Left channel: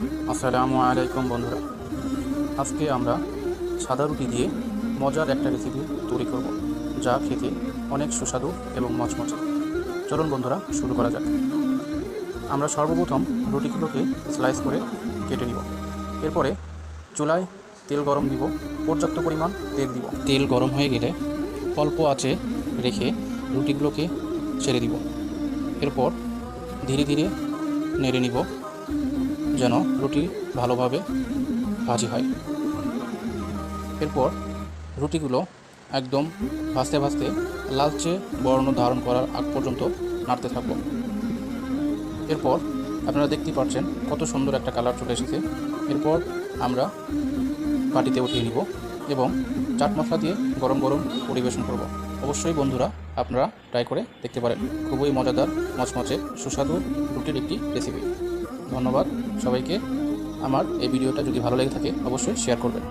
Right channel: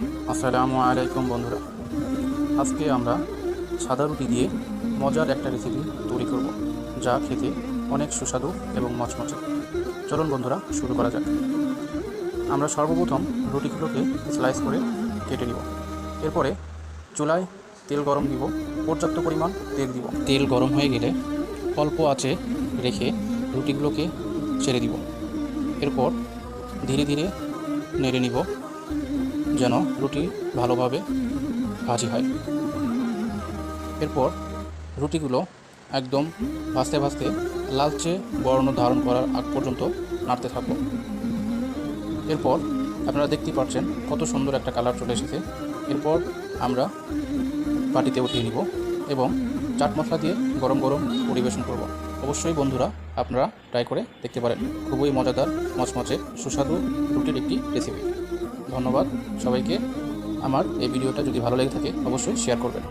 আসসালামু আলাইকুম বন্ধুরা। আজকে আমরা সাদা রুটি দিয়ে মজার একটা রেসিপি তৈরি করব, যা খেতে অনেক সুস্বাদু এবং মচমচে। চলুন বন্ধুরা, শুরু করা যাক। আমরা সর্বপ্রথম রুটিগুলোকে স্লাইস করে কেটে নিব। এরপরে চুলায় তেল গরম দিব, পর্যাপ্ত পরিমাণ তেল দিব। তেল গরম হয়ে গেলে অল্প আঁচে রেখে রুটিগুলোকে ছেড়ে দিব। এরপর ধীরে ধীরে নেড়ে নিব, যেন রুটি ভালোভাবে ভাজি হয়। এরপর রুটিগুলো একদম ভাজতে ভাজতে লালচে বর্ণ ধারণ করার আগ পর্যন্ত নাড়তে থাকবো। এরপর আপনারা দেখতেই পাচ্ছেন কত সুন্দর একটা কালার চলে এসেছে। এরপর আমরা বাটিতে উঠিয়ে নিব এবং চাট মশলা দিয়ে গরম গরম পরিবেশন করব। অবশ্যই বন্ধুরা, আপনারা ট্রাই করে দেখতে পারেন। খুবই মজাদার, মচমচে, সুস্বাদু রুটির একটি রেসিপি। ধন্যবাদ সবাইকে। আমার এই ভিডিওটা যদি ভালো লেগে থাকে অবশ্যই শেয়ার করবেন।